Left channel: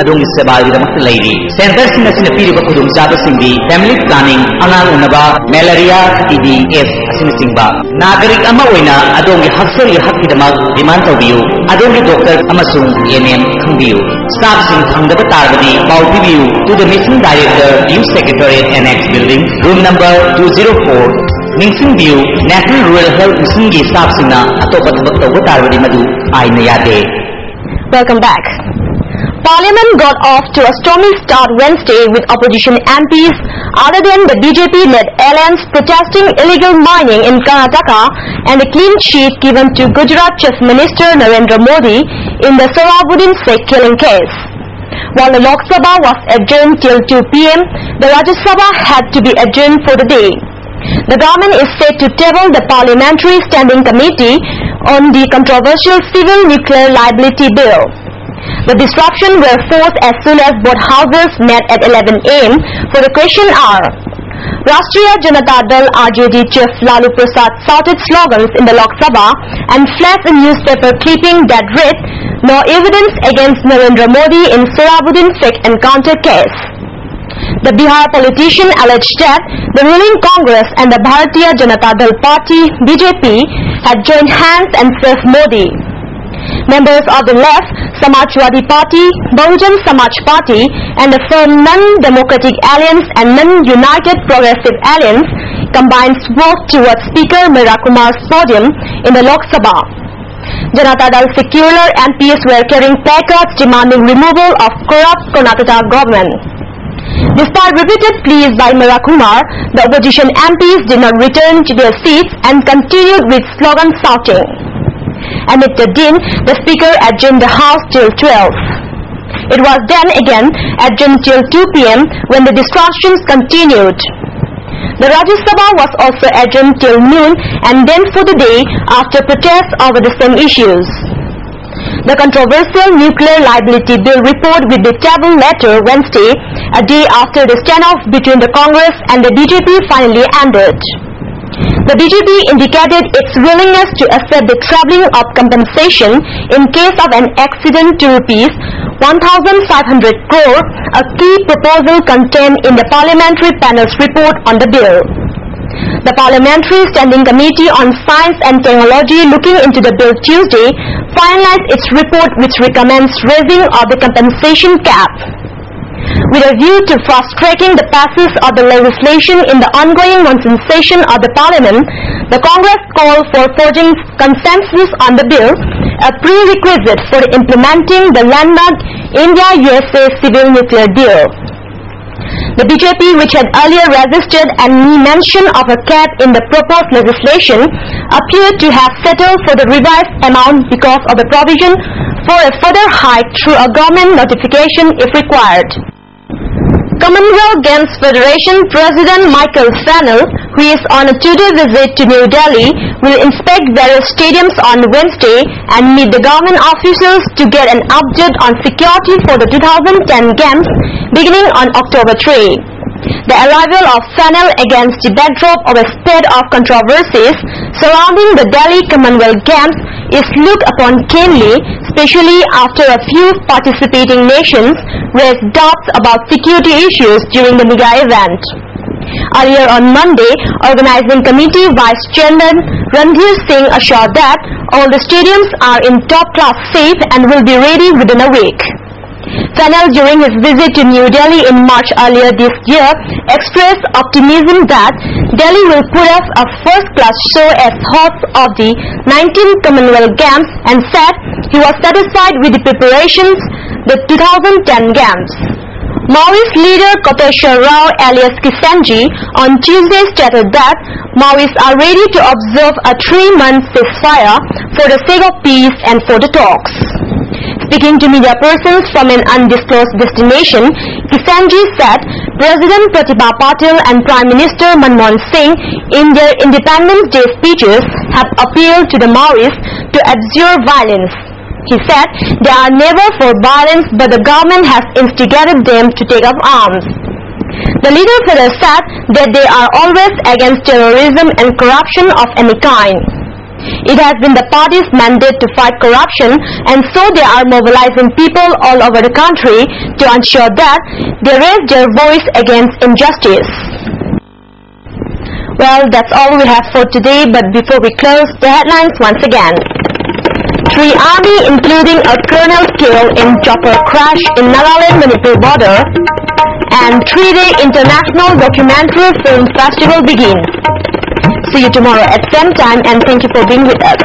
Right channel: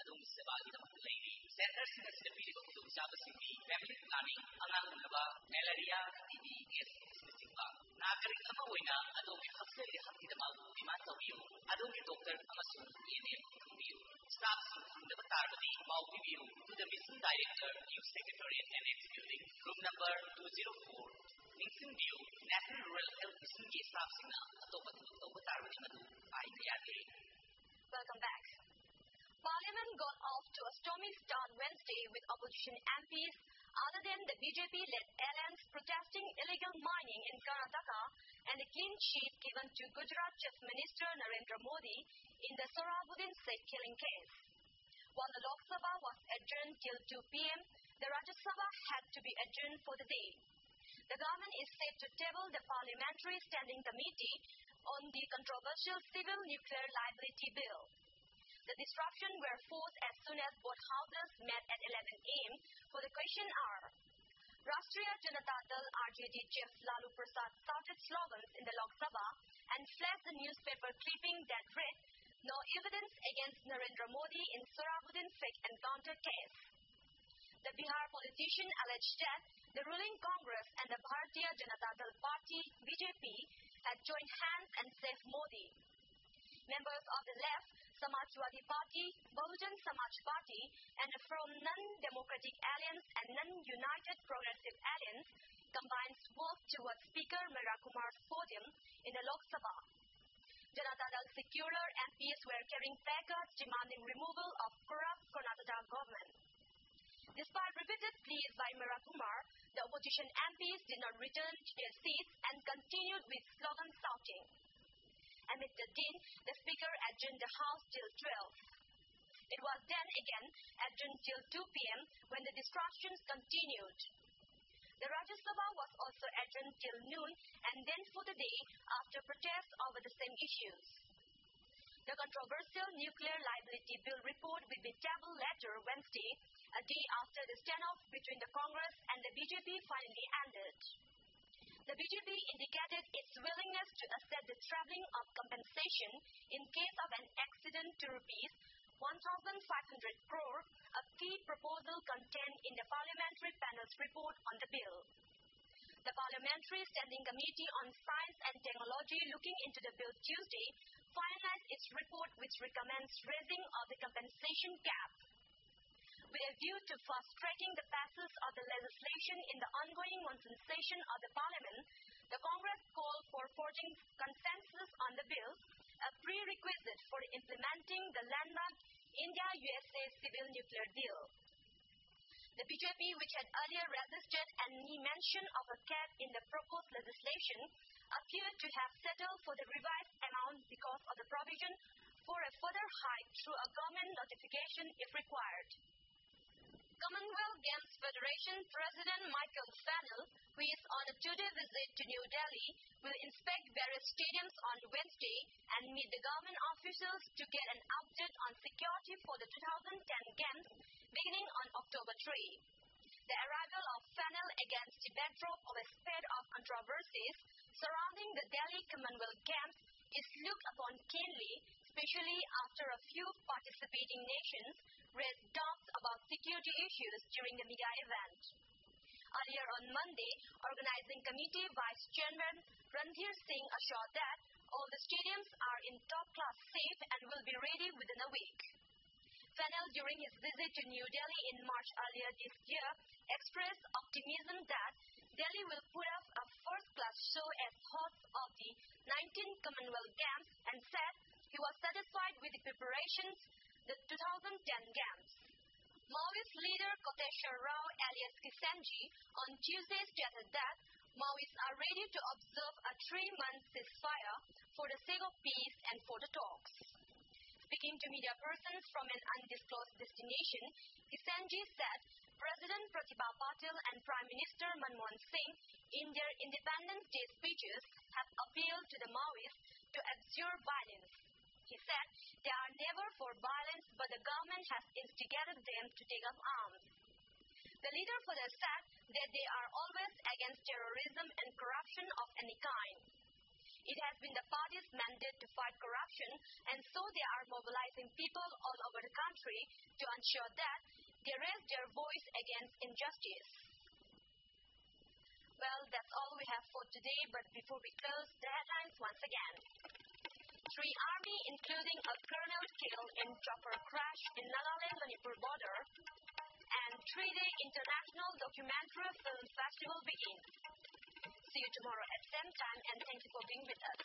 Adong Sebali Lady. Centers in the Sinapiba Kudum Java Singdi, Family Planning, Anal Unaba, Malaria, TB, S, Asinisingba. Nagarik Amawina, Adongi Hafsari Hakidamak, Demand of you, Adongi Doctor Amasung, ENM, Kumbiu. Staff in Kangaba Tarvadi, Pau View to the Missing Director, Youth Secretariat Annex Building, room number 204. Ningsing View, National Rural Health Singi Staff Sina, Atopatavata Tarvadi Madu, Ainayade. Welcome back. Parliament got off to a stormy start Wednesday with opposition MPs other than the BJP-led alliance protesting illegal mining in Karnataka and a clean sheet given to Gujarat Chief Minister Narendra Modi in the Sohrabuddin Sheikh killing case. While the Lok Sabha was adjourned till 2 p.m., the Rajya Sabha had to be adjourned for the day. The government is set to table the Parliamentary Standing Committee on the controversial Civil Nuclear Liability Bill. The disruption were forced as soon as both houses met at 11 a.m. for the question hour. Rashtriya Janata Dal RJD Chief Lalu Prasad shouted slogans in the Lok Sabha and flashed a newspaper clipping that read, "No evidence against Narendra Modi in Sohrabuddin Sheikh encounter case." The Bihar politician alleged that the ruling Congress and the Bharatiya Janata Dal Party (BJP) had joined hands and saved Modi. Members of the left, Samajwadi Party, Bahujan Samaj Party, and the firm Non-Democratic Alliance and Non-United Progressive Alliance combined spoke towards Speaker Meera Kumar's podium in the Lok Sabha. Janata Dal secular MPs were carrying placards demanding removal of corrupt Karnataka government. Despite repeated pleas by Meera Kumar, the opposition MPs did not return to their seats and continued with slogan shouting. Amid the din, the Speaker adjourned the House till 12. It was then again adjourned till 2 p.m. when the disruptions continued. The Rajya Sabha was also adjourned till noon and then for the day after protests over the same issues. The controversial Nuclear Liability Bill report will be tabled later Wednesday, a day after the standoff between the Congress and the BJP finally ended. The BJP indicated its willingness to accept the trebling of compensation in case of an accident to Rs 1,500 crore, a key proposal contained in the parliamentary panel's report on the bill. The Parliamentary Standing Committee on Science and Technology looking into the bill Tuesday finalized its report which recommends raising of the compensation cap. With a view to fast-tracking the passage of the legislation in the ongoing monsoon session of the Parliament, the Congress called for forging consensus on the bill, a prerequisite for implementing the landmark India-USA Civil Nuclear Deal. The BJP, which had earlier resisted any mention of a cap in the proposed legislation, appeared to have settled for the revised amount because of the provision for a further hike through a government notification if required. Commonwealth Games Federation President Michael Fennell, who is on a two-day visit to New Delhi, will inspect various stadiums on Wednesday and meet the government officials to get an update on security for the 2010 Games beginning on October 3. The arrival of Fennell against the backdrop of a spate of controversies surrounding the Delhi Commonwealth Games is looked upon keenly, especially after a few participating nations raised doubts about security issues during the mega event. Earlier on Monday, Organizing Committee Vice Chairman Randhir Singh assured that all the stadiums are in top-class shape and will be ready within a week. Fennell, during his visit to New Delhi in March earlier this year, expressed optimism that Delhi will put up a first-class show as host of the 19th Commonwealth Games and said he was satisfied with the preparations the 2010 Games. Maoist leader Koteshwar Rao alias Kisanji on Tuesday stated that Maoists are ready to observe a 3-month ceasefire for the sake of peace and for the talks. Speaking to media persons from an undisclosed destination, Kisanji said President Pratibha Patil and Prime Minister Manmohan Singh in their Independence Day speeches have appealed to the Maoists to abjure violence. He said they are never for violence, but the government has instigated them to take up arms. The leader further said that they are always against terrorism and corruption of any kind. It has been the party's mandate to fight corruption, and so they are mobilizing people all over the country to ensure that they raise their voice against injustice. Well, that's all we have for today, but before we close, the headlines once again. 3 army including a colonel killed in chopper crash in Nagaland-Manipur border, and 3-day International Documentary Film Festival begins. See you tomorrow at same time, and thank you for being with us.